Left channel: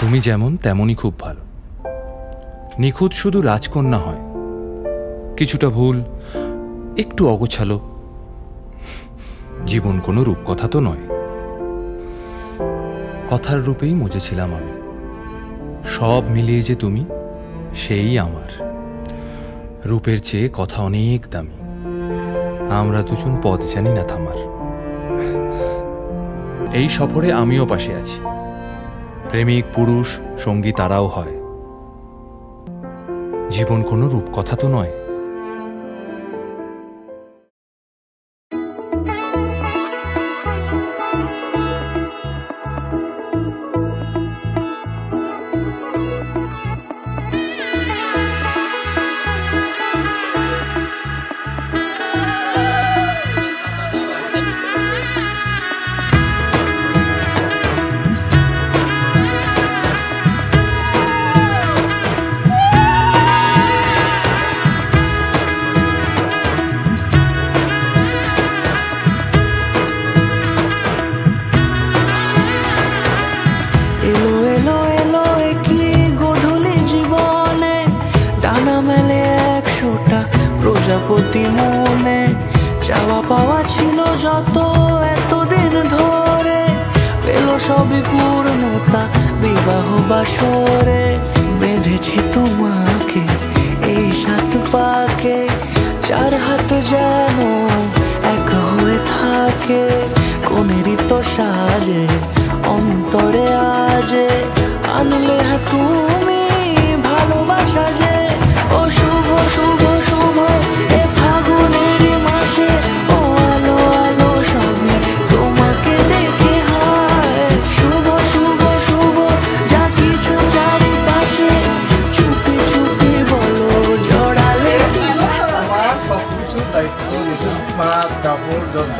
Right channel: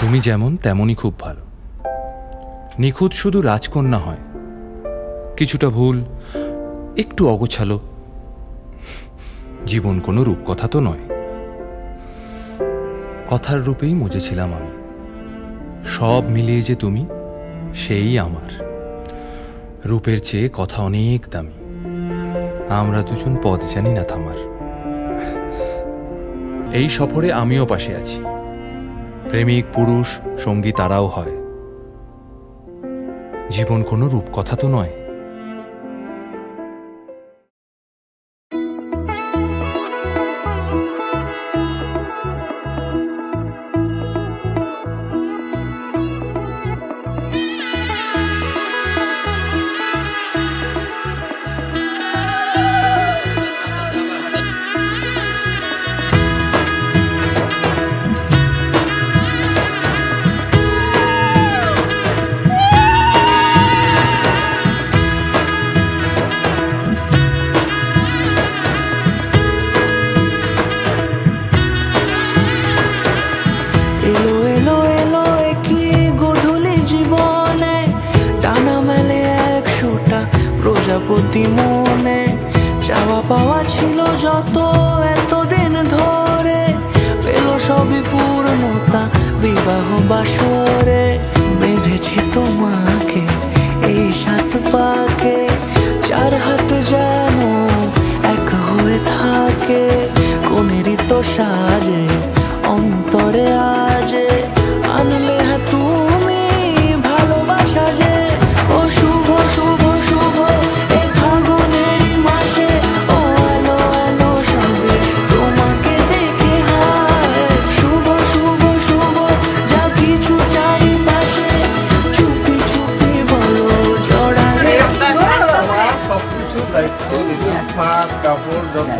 তুমি যেমন তেমনই খুব ভালো। নিখুঁত শুধু রাজকন্যা হয়, কিছুটা ভুল, একটু অগোছালো। জীবন কোনো রূপকথা তো নয়। কথার রূপেই মজেছিলাম আমি। সব মিলিয়ে যে তুমি, সেই আমার। রূপের চেয়ে কথা অনেক দামি। আমরা দুজন পথ জানি না থামার। এই সফরে আমিও পাশে আছি। প্রেমিক পুরুষ সঙ্গী তারাও হয়। জীবন কোনো রূপকথা তো নয়। এলো এলো এলো কি গোধূলি জীবনে, ডানা মেলে 100টা প্রজাপতি মনে। চাওয়া পাওয়া ছিল যত এতদিন ধরে, পেল সবই পূর্ণতা বিবাহ বাসরে। বেঁধেছি তোমাকে এই 7 পাকে, 4 হাত যেন এক হয়ে থাকে। কোনেরই তো সাজে অন্তরে আজে, আনলে তুমি ভালোবাসা যে। ও শুভ শুভ শুভ এ ফাগুনেরই মাসে, ও আলো আলো সবই তোমাকে দেখে হায়। শুভ শুভ শুভ যা কিছু চারিপাশে, চুপি চুপি বলো জড়ালে। সবকিছু দায়িত্ব, ভাত কাপড় যত